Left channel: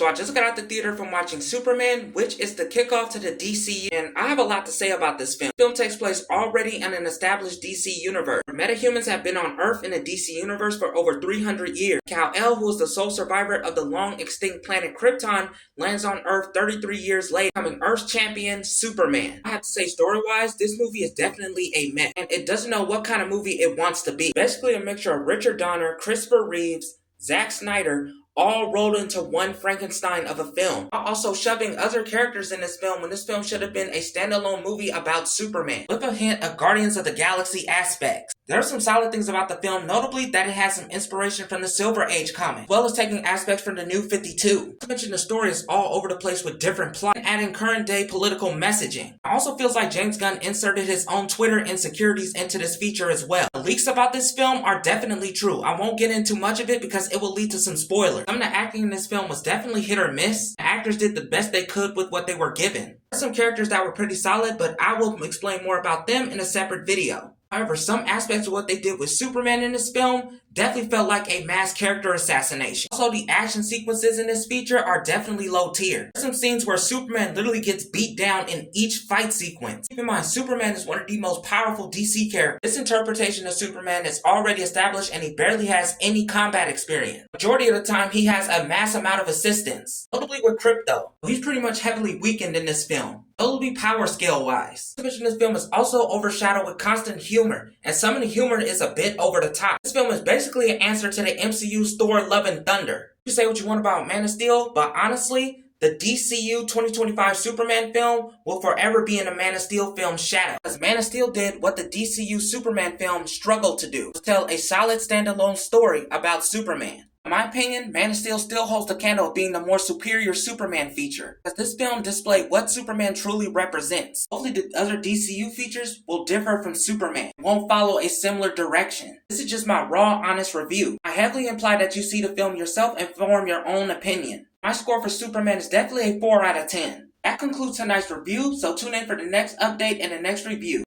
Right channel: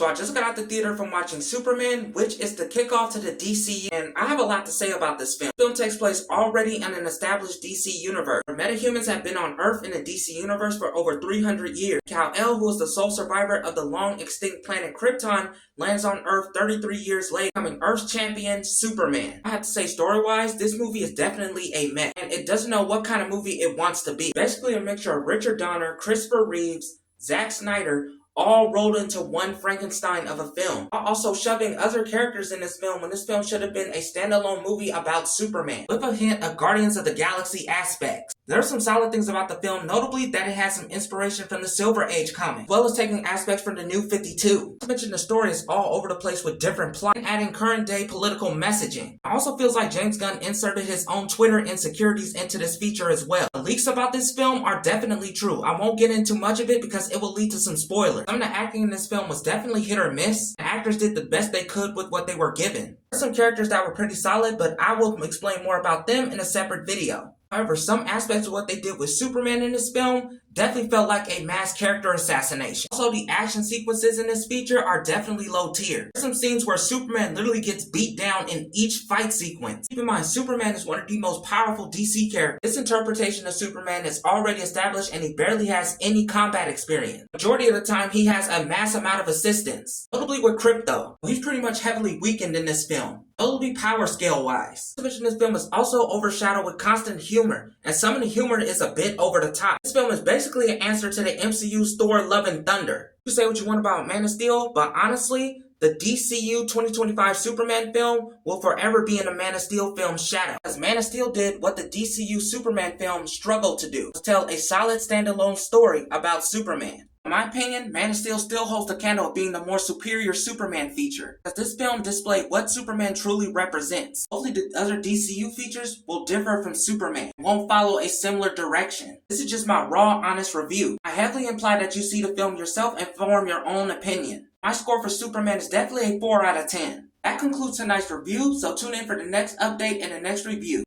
So I just got out the theater from watching Superman, which is the kickoff to the DCU, and I have a lot to say about this film. The film takes place already in an established DC universe, where metahumans have been on Earth in the DC universe for over 300 years. Kal-El, who is the sole survivor of the long-extinct planet Krypton, lands on Earth 33 years later, becoming Earth's champion, Superman. I have to say, story-wise, this movie is definitely a mess, and it doesn't know what kind of movie it wants to be. Basically a mixture of Richard Donner, Christopher Reeves, Zack Snyder, all rolled into one Frankenstein of a film, while also shoving other characters in this film when this film should have been a standalone movie about Superman, with a hint of Guardians of the Galaxy aspects. There are some solid things about the film, notably that it has some inspiration from the Silver Age comic, as well as taking aspects from the New 52. Not to mention the story is all over the place with different plots, and adding current day political messaging. It also feels like James Gunn inserted his own Twitter insecurities into this feature as well. The leaks about this film are definitely true. I won't get into much of it because it will lead to some spoilers. Some of the acting in this film was definitely hit or miss. The actors did the best they could with what they were given. There are some characters that were pretty solid, but I will explain more about them in a separate video. However, some aspects of what they did with Superman in this film definitely felt like a mass character assassination. Also, the action sequences in this feature are definitely low tier. There's some scenes where Superman literally gets beat down in each fight sequence. Keep in mind, Superman is one of the most powerful DC characters. This interpretation of Superman is already established and he barely has any combat experience. Majority of the time, he has a mass amount of assistance. Notably with Krypto, he's pretty much heavily weakened in this film. Notably power scale wise. This film is also overshadowed with constant humor, and some of the humor is a bit over the top. This film is basically an answer to the MCU's Thor Love and Thunder. You say what you want about Man of Steel, but honestly, the DCU 2025 Superman film will forever be in the Man of Steel film's shadow, as Man of Steel did what the DCU Superman film struggled to do, to tell a solid standalone story about Superman. In my opinion, Man of Steel still holds the candle of being the more superior Superman feature, as this film displayed what Superman truly represents. Hopefully the other DCU features will differ from Superman and won't follow a similar direction. This is just my raw, honest review. I heavily imply that you see the film yourself and form your own opinion. My score for Superman is definitely a 4 out of 10. That concludes tonight's review, so tune in for the next update and the next review.